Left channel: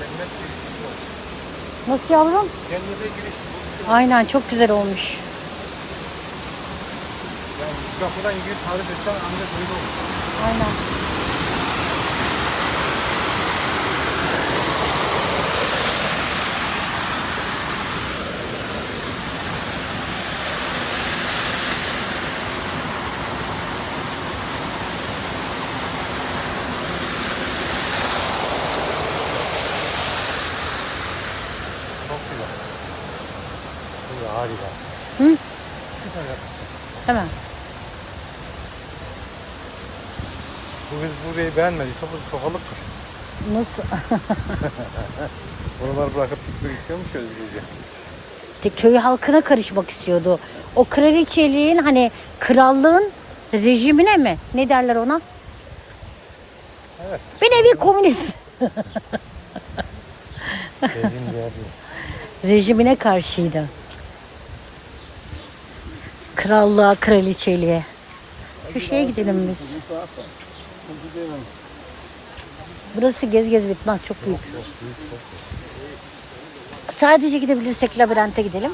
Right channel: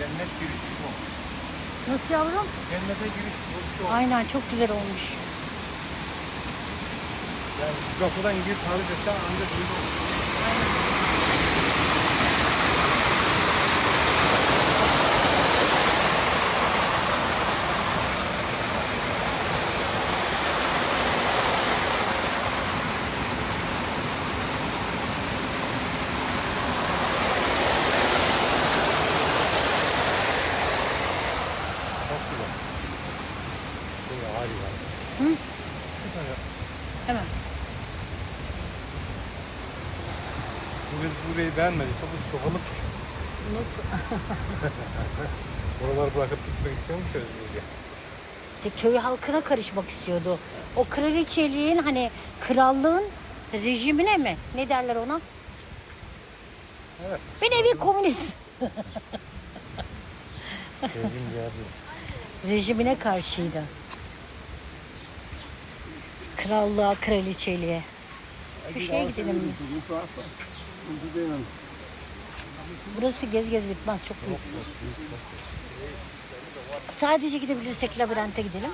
Cennet girişi bu. Nasıl yavrum? Cennete giriş bu. Aynen çok güzel olmuş. Yani kapıdan gir tanı desen ancak böyle olur. Aynen. Hı? Hemen. Biz burayı beğenmediysek biz sokalım. Nasıl? Buraları bırakıp gitmek istiyormuş ya Özgürce. İşte köy halkına karışmak istiyordu. O kraliçeliğin hani krallığın rejimine mi? Ne derler ona? Evet. Bir nevi komünist Rejim geldi. rejimine karşıydı. Krallığa, kraliçeliğe. Şu şeye gidelim biz. Burası gez gez bitmez çok büyük. Sadece gidebilirsek labirente gidelim.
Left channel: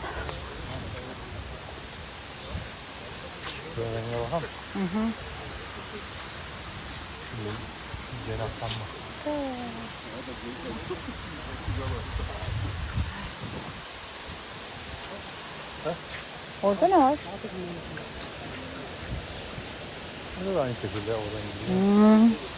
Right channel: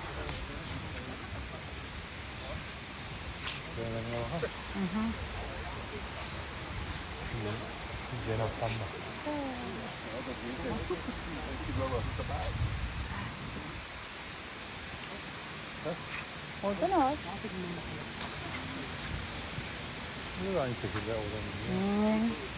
Hı hı. Cenaptan bak. Orada ne var? Ne var? Ne var? Ne var?